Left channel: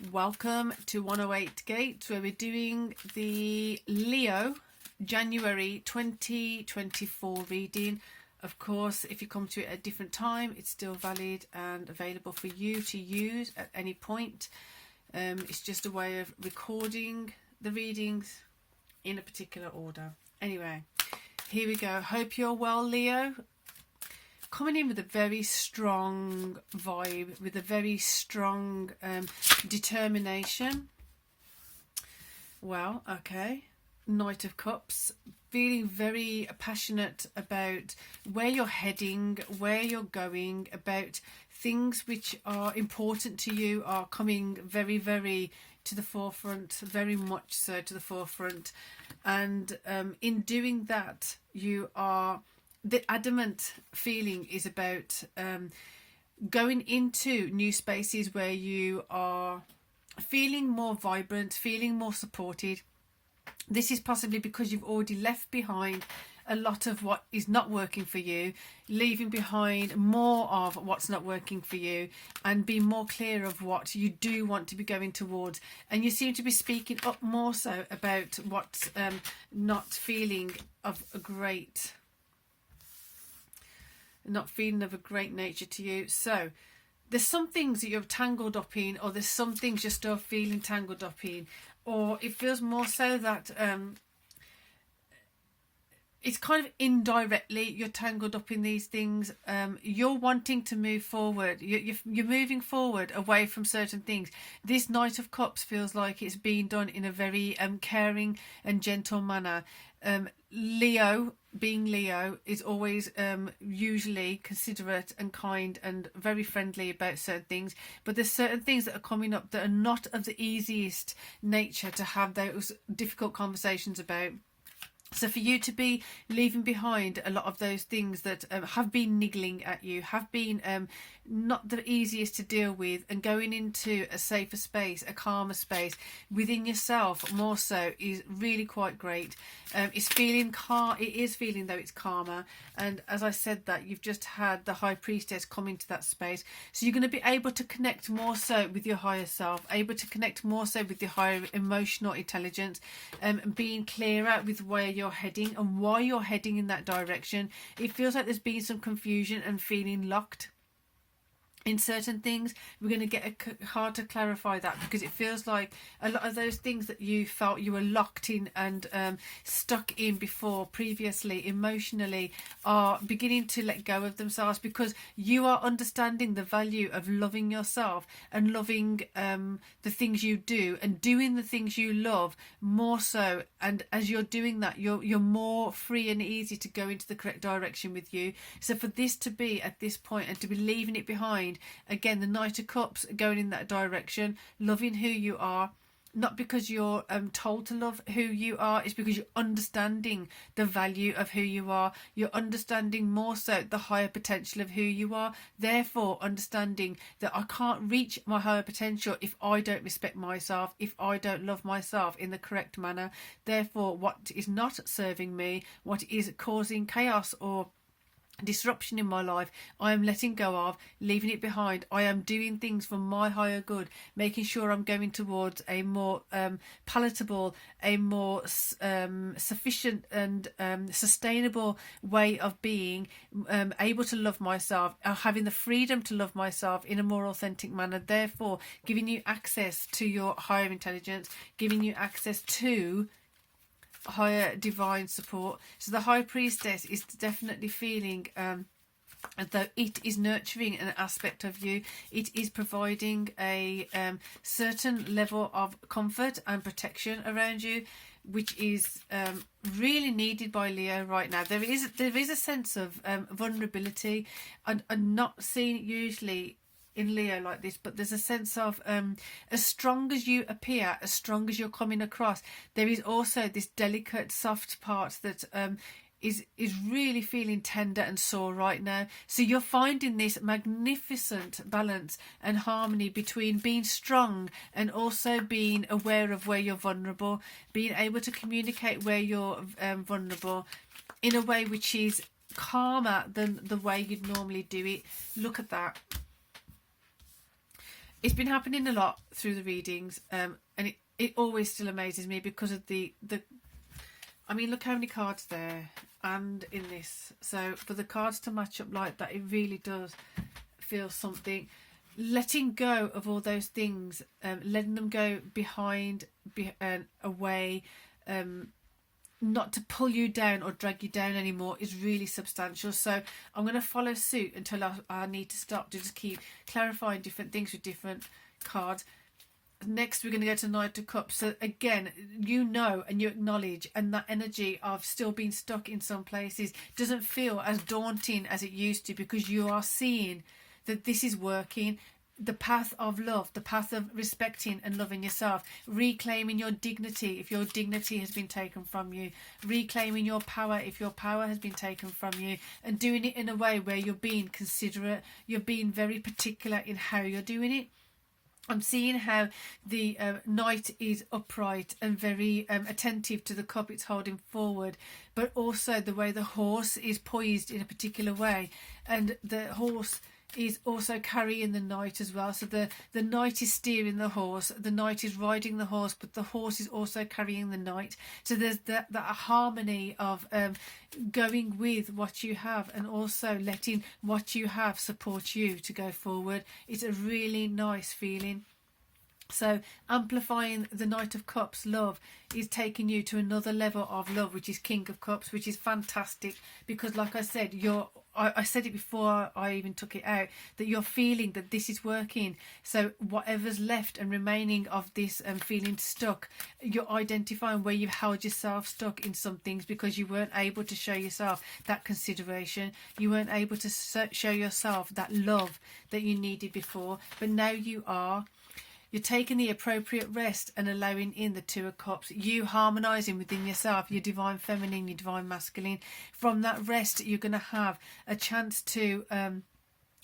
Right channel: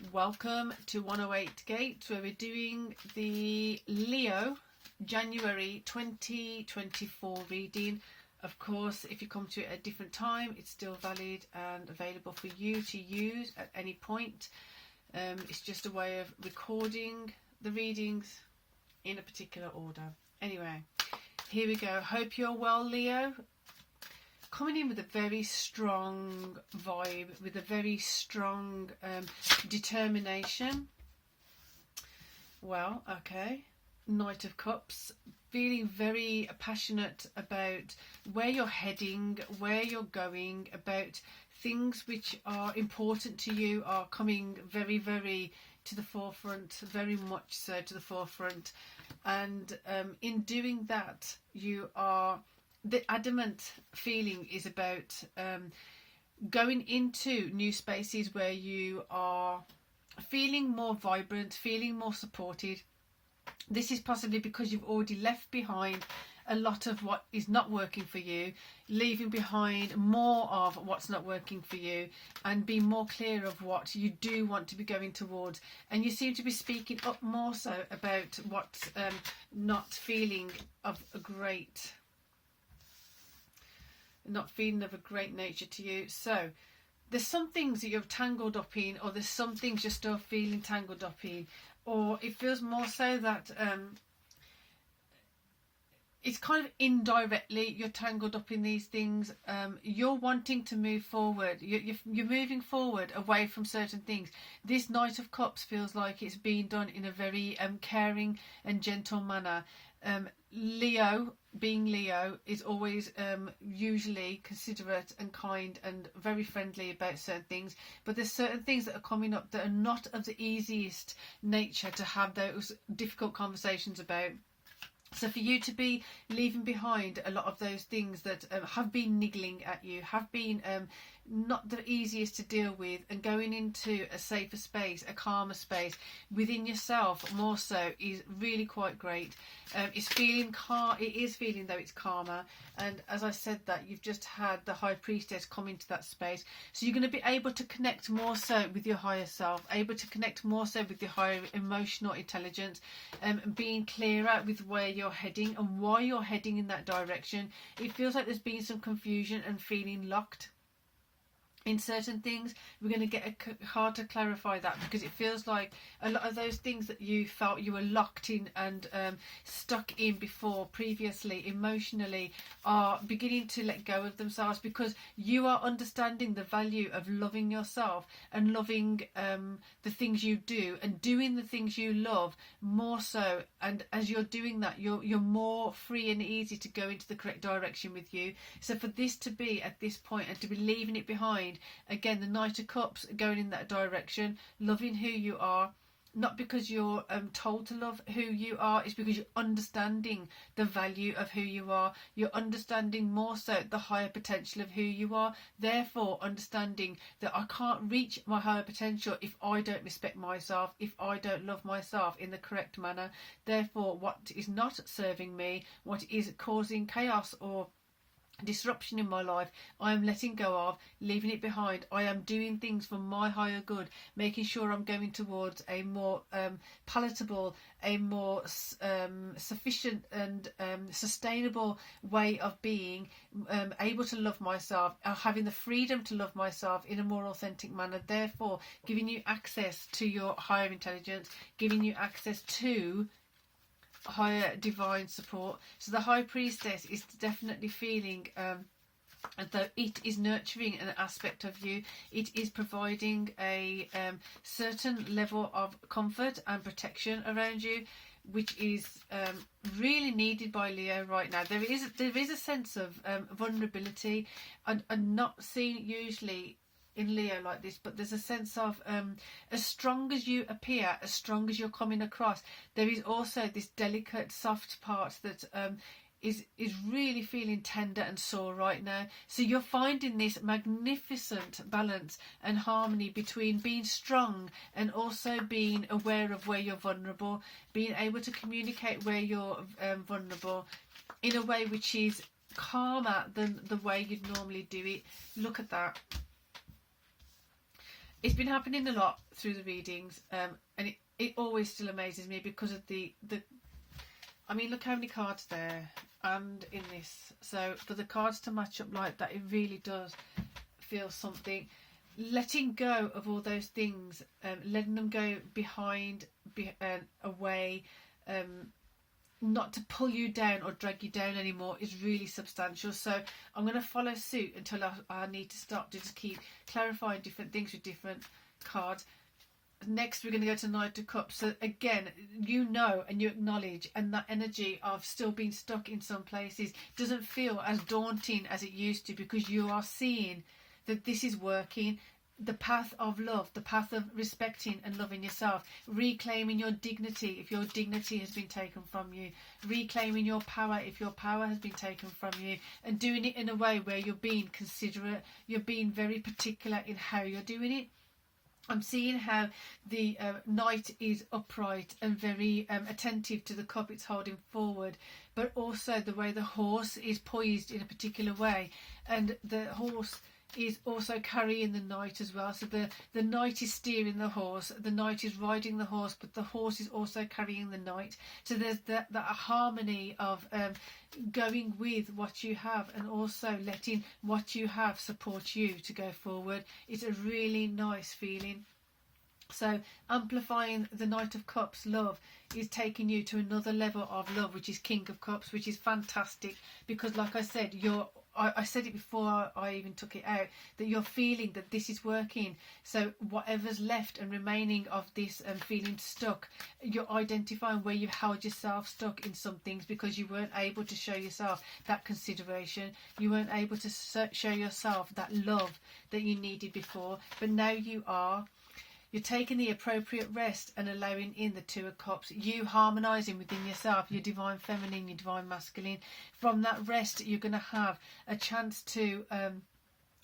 Welcome to 108 Gate, where we're doing the Leo January 2024 reading. Of course, if you come to it at a different time, it's still valid and available for you to use at any point. It's just a way of recording the readings in a particular order. Anyway, here we go. Hope you're well, Leo. Coming in with a very strong vibe, with a very strong determination. Well, okay. Knight of Cups. Feeling very passionate about where you're heading, where you're going, about things which are important to you are coming very, very to the forefront, very much so to the forefront. And in doing that, you are... The adamant feeling is about going into new spaces where you are feeling more vibrant, feeling more supported. This is possibly because you've already left behind a lot of what is not working for you, leaving behind more of what's not working for you, and being more clear of what you do want to be going towards. And you seem to be speaking up more so about what's not feeling of a great... not feeling of a great nature to you. So there's some things that you're tangled up in, or there's some things you're still feeling tangled up in, or it feels more so that it's kind of indirectly you're tangled up in these things. You're wanting to move forward. You're moving forward away from certain things. This Knight of Cups feels like it's being done in a very caring and gentle manner. Leo, being Leo, is always usually considerate and kind and very friendly about certain things, but there's certain things that are coming up that are not of the easiest nature to have those difficult conversations about. So for you to be leaving behind a lot of those things that have been niggling at you, have been not the easiest to deal with, and going into a safer space, a calmer space within yourself more so, is really quite great. It's feeling calm. It is feeling though it's calmer. And as I said, that you've just had the High Priestess come into that space, so you're going to be able to connect more so with your higher self, able to connect more so with your higher emotional intelligence, being clearer with where you're heading and why you're heading in that direction. It feels like there's been some confusion and feeling locked in certain things. We're going to get hard to clarify that, because it feels like a lot of those things that you felt you were locked in and stuck in before, previously, emotionally, are beginning to let go of themselves, because you are understanding the value of loving yourself and loving the things you do and doing the things you love more so. And as you're doing that, you're more free and easy to go into the correct direction with you. So for this to be at this point and to be leaving it behind, again, the Knight of Cups going in that direction, loving who you are, not because you're told to love who you are, it's because you're understanding the value of who you are. You're understanding more so the higher potential of who you are, therefore understanding that I can't reach my higher potential if I don't respect myself, if I don't love myself in the correct manner. Therefore, what is not serving me, what is causing chaos or disruption in my life, I am letting go of, leaving it behind. I am doing things for my higher good, making sure I'm going towards a more palatable, a more sufficient and sustainable way of being, able to love myself, having the freedom to love myself in a more authentic manner, therefore giving you access to your higher intelligence, giving you access to higher divine support. So the High Priestess is definitely feeling as though it is nurturing an aspect of you. It is providing a certain level of comfort and protection around you, which is really needed by Leo right now. There is a sense of vulnerability, and not seen usually in Leo like this, but there's a sense of as strong as you appear, as strong as you're coming across, there is also this delicate soft part that is really feeling tender and sore right now. So you're finding this magnificent balance and harmony between being strong and also being aware of where you're vulnerable, being able to communicate where you're vulnerable in a way which is calmer than the way you'd normally do it. Look at that. it's been happening a lot through the readings, and it always still amazes me because of the I mean, look how many cards there and in this. So for the cards to match up like that, it really does feel something. Letting go of all those things, letting them go behind, away, not to pull you down or drag you down anymore is really substantial. So I'm going to follow suit until I need to stop to just keep clarifying different things with different cards. Next, we're going to go to Knight of Cups. So again, you know and you acknowledge, and that energy of still being stuck in some places doesn't feel as daunting as it used to, because you are seeing that this is working. The path of love, the path of respecting and loving yourself, reclaiming your dignity if your dignity has been taken from you, reclaiming your power if your power has been taken from you, and doing it in a way where you're being considerate, you're being very particular in how you're doing it. I'm seeing how the knight is upright and very attentive to the cup it's holding forward, but also the way the horse is poised in a particular way, and the horse is also carrying the knight as well. So the knight is steering the horse, the knight is riding the horse, but the horse is also carrying the knight. So there's that harmony of going with what you have and also letting what you have support you to go forward. It's a really nice feeling. So amplifying the Knight of Cups love is taking you to another level of love, which is King of Cups, which is fantastic, because like I said, I said it before I even took it out, that you're feeling that this is working. So whatever's left and remaining of this feeling stuck, you're identifying where you've held yourself stuck in some things because you weren't able to show yourself that consideration. You weren't able to show yourself that love that you needed before, but now you are. You're taking the appropriate rest and allowing in the Two of Cups. You harmonising within yourself, your divine feminine, your divine masculine. From that rest, you're going to have a chance to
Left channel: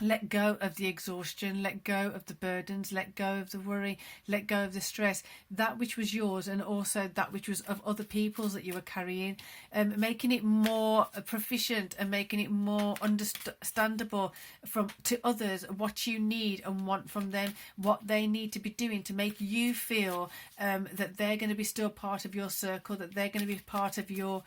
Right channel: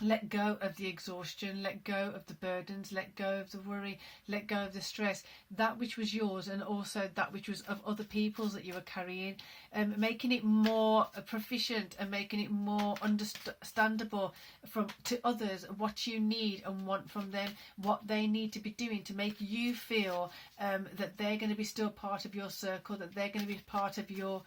let go of the exhaustion, let go of the burdens, let go of the worry, let go of the stress, that which was yours and also that which was of other people's that you were carrying, making it more proficient and making it more understandable to others what you need and want from them, what they need to be doing to make you feel that they're going to be still part of your circle, that they're going to be part of your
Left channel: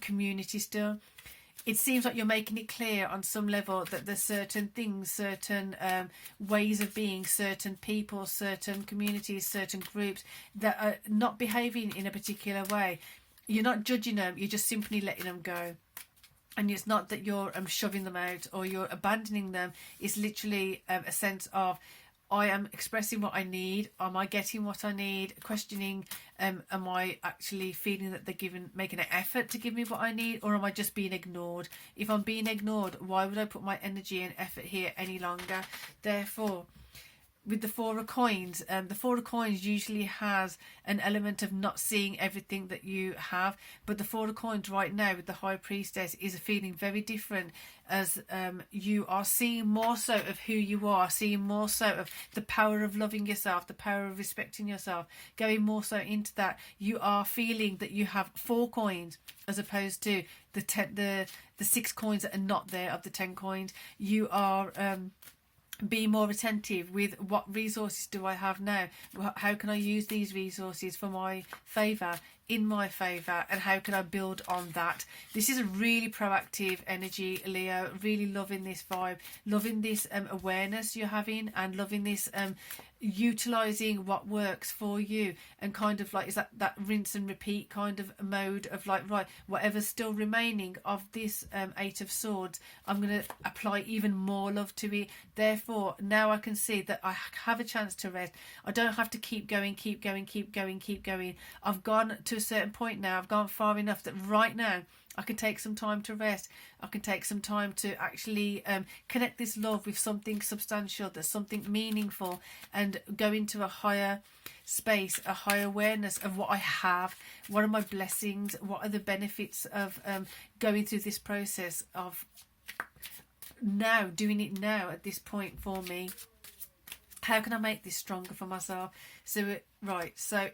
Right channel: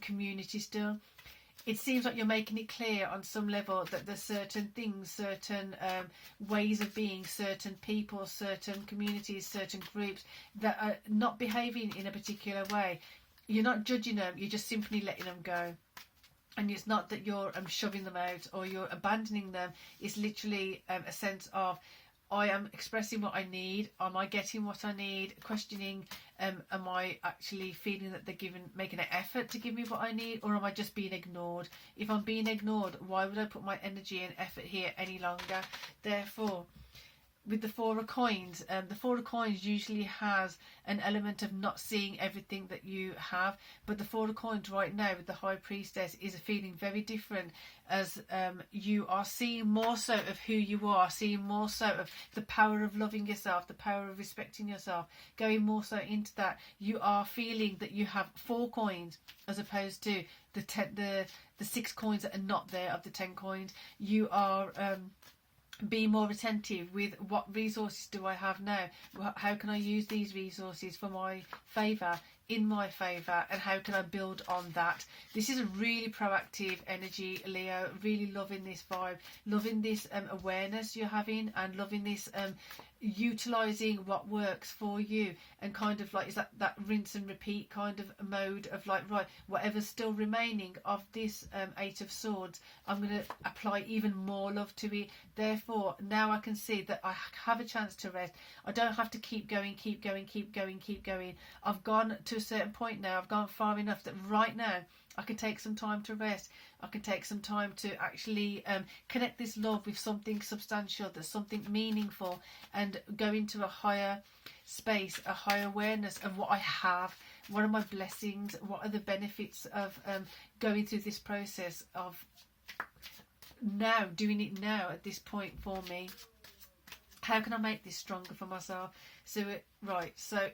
community still. It seems like you're making it clear on some level that there's certain things, certain ways of being, certain people, certain communities, certain groups that are not behaving in a particular way. You're not judging them, you're just simply letting them go. And it's not that you're shoving them out or you're abandoning them. It's literally a sense of, I am expressing what I need. Am I getting what I need? Questioning, am I actually feeling that they're making an effort to give me what I need, or am I just being ignored? If I'm being ignored, why would I put my energy and effort here any longer? Therefore, with the Four of Coins, the Four of Coins usually has an element of not seeing everything that you have, but the Four of Coins right now with the High Priestess is a feeling very different, as you are seeing more so of who you are, seeing more so of the power of loving yourself, the power of respecting yourself, going more so into that. You are feeling that you have 4 coins as opposed to the 6 coins that are not there of the 10 coins. You are be more attentive with what resources do I have now, how can I use these resources for my favour, in my favour, and how can I build on that. This is a really proactive energy, Leo. Really loving this vibe, loving this awareness you're having, and loving this utilising what works for you, and kind of like is that rinse and repeat kind of mode of like, right, whatever's still remaining of this 8 of Swords, I'm going to apply even more love to it. Therefore now I can see that I have a chance to rest. I don't have to keep going. I've gone to a certain point now, I've gone far enough that right now I can take some time to rest. I can take some time to actually connect this love with something substantial, that's something meaningful, and go into a higher space, a higher awareness of what I have, what are my blessings, what are the benefits of going through this process of now, doing it now at this point for me. How can I make this stronger for myself? So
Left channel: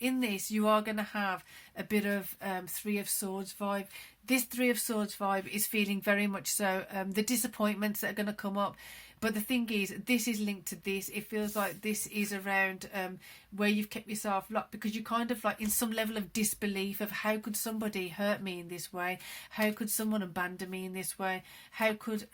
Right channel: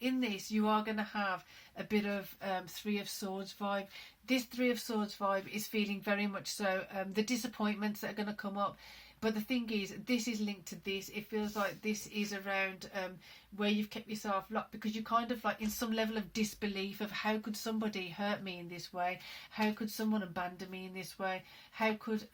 in this you are going to have a bit of 3 of Swords vibe. This 3 of Swords vibe is feeling very much so the disappointments that are going to come up, But the thing is, this is linked to this. It feels like this is around where you've kept yourself locked, because you're kind of like in some level of disbelief of, how could somebody hurt me in this way? How could someone abandon me in this way? How could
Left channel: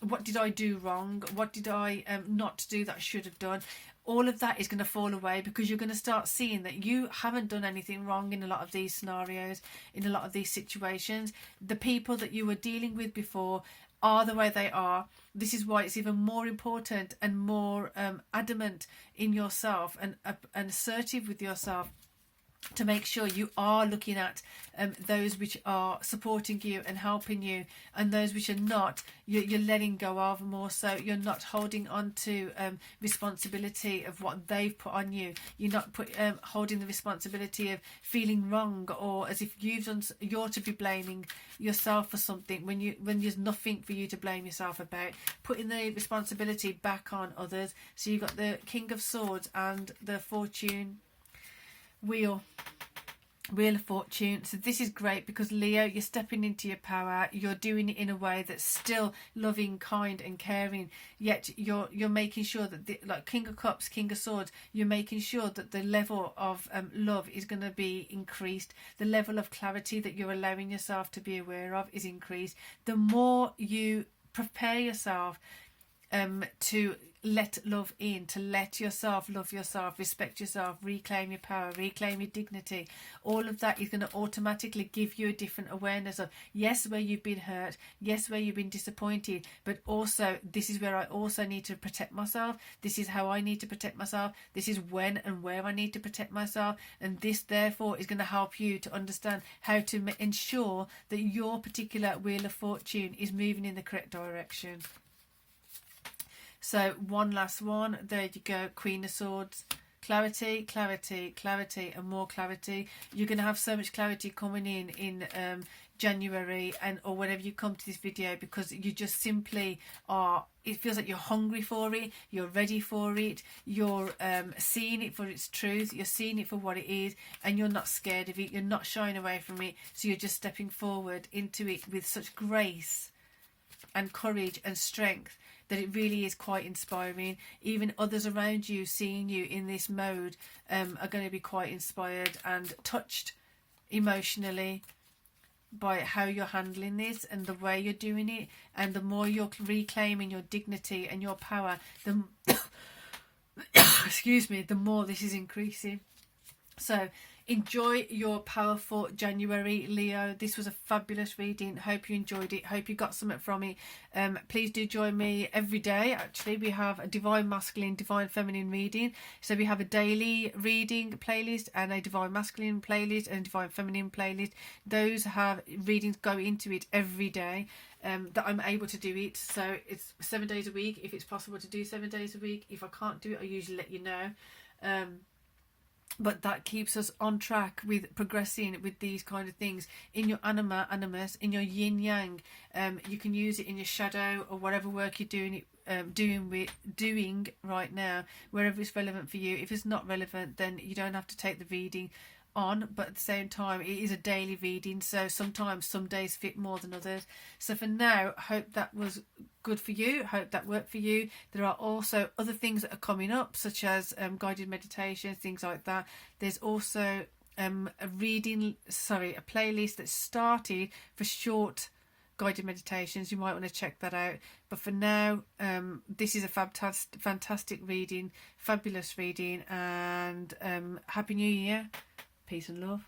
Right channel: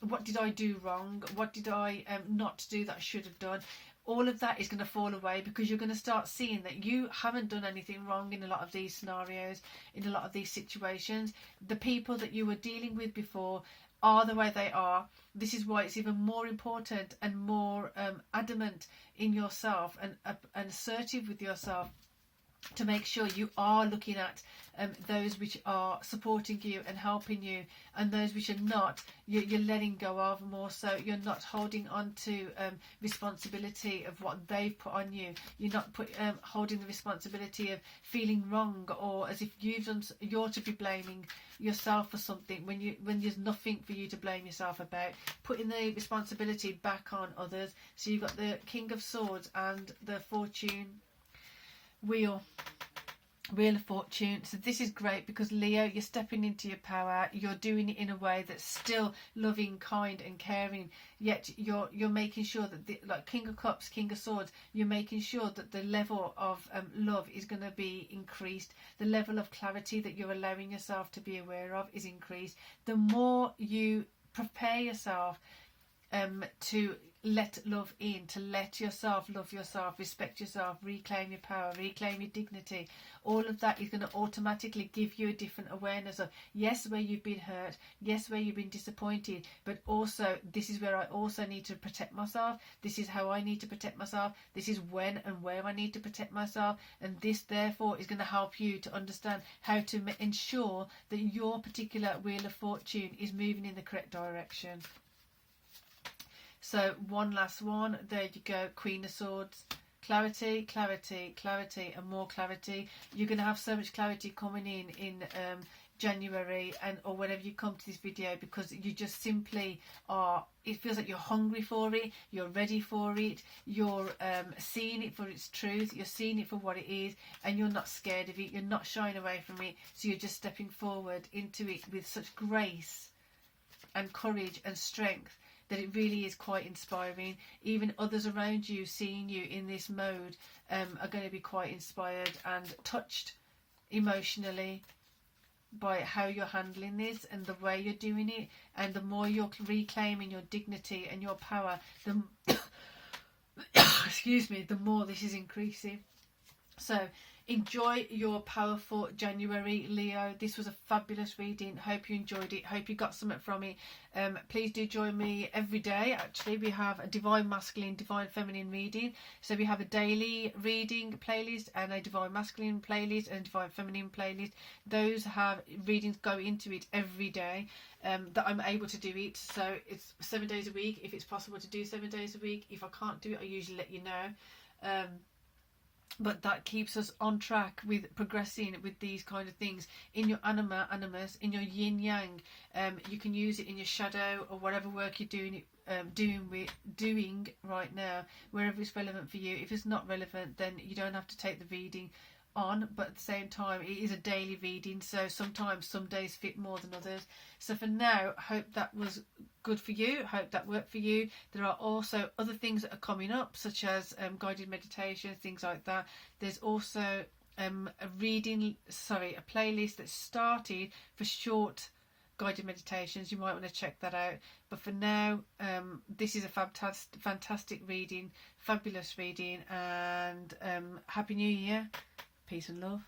what did I do wrong? What did I not do that I should have done? All of that is going to fall away, because you're going to start seeing that you haven't done anything wrong in a lot of these scenarios, in a lot of these situations. The people that you were dealing with before are the way they are. This is why it's even more important and more adamant in yourself and assertive with yourself, to make sure you are looking at those which are supporting you and helping you, and those which are not, you're letting go of more. So you're not holding on to responsibility of what they've put on you. You're not holding the responsibility of feeling wrong, or as if you're to be blaming yourself for something when there's nothing for you to blame yourself about. Putting the responsibility back on others. So you've got the King of Swords and the Fortune Wheel of Fortune. So this is great, because Leo, you're stepping into your power. You're doing it in a way that's still loving, kind and caring, yet you're making sure that like King of Cups, King of Swords, you're making sure that the level of love is going to be increased. The level of clarity that you're allowing yourself to be aware of is increased. The more you prepare yourself to let love in, to let yourself love yourself, respect yourself, reclaim your power, reclaim your dignity, all of that is going to automatically give you a different awareness of, yes, where you've been hurt, yes, where you've been disappointed, but also this is where I also need to protect myself. This is how I need to protect myself. This is when and where I need to protect myself. And this therefore is going to help you to understand how to ensure that your particular Wheel of Fortune is moving in the correct direction. So one last one, there you go, Queen of Swords. Clarity, clarity, clarity and more clarity. You're going to have so much clarity coming in January or whenever you come to this video, because you just simply are, it feels like you're hungry for it, you're ready for it, you're seeing it for its truth, you're seeing it for what it is, and you're not scared of it, you're not shying away from it. So you're just stepping forward into it with such grace and courage and strength that it really is quite inspiring. Even others around you seeing you in this mode are going to be quite inspired and touched emotionally by how you're handling this and the way you're doing it. And the more you're reclaiming your dignity and your power, the excuse me, the more this is increasing. So enjoy your powerful January, Leo. This was a fabulous reading. Hope you enjoyed it. Hope you got something from it. Please do join me every day. Actually, we have a Divine Masculine, Divine Feminine reading. So we have a daily reading playlist and a Divine Masculine playlist and a Divine Feminine playlist. Those have readings go into it every day. That I'm able to do it. So it's 7 days a week. If it's possible to do 7 days a week. If I can't do it, I usually let you know. But that keeps us on track with progressing with these kind of things in your anima, animus, in your yin yang. You can use it in your shadow or whatever work you're doing right now, wherever it's relevant for you. If it's not relevant, then you don't have to take the reading on, but at the same time it is a daily reading, so sometimes some days fit more than others. So for now, I hope that was good for you. I hope that worked for you. There are also other things that are coming up, such as guided meditation, things like that. There's also a playlist that started for short guided meditations. You might want to check that out. But for now, this is a fantastic reading, fabulous reading, and Happy New Year. Peace and love.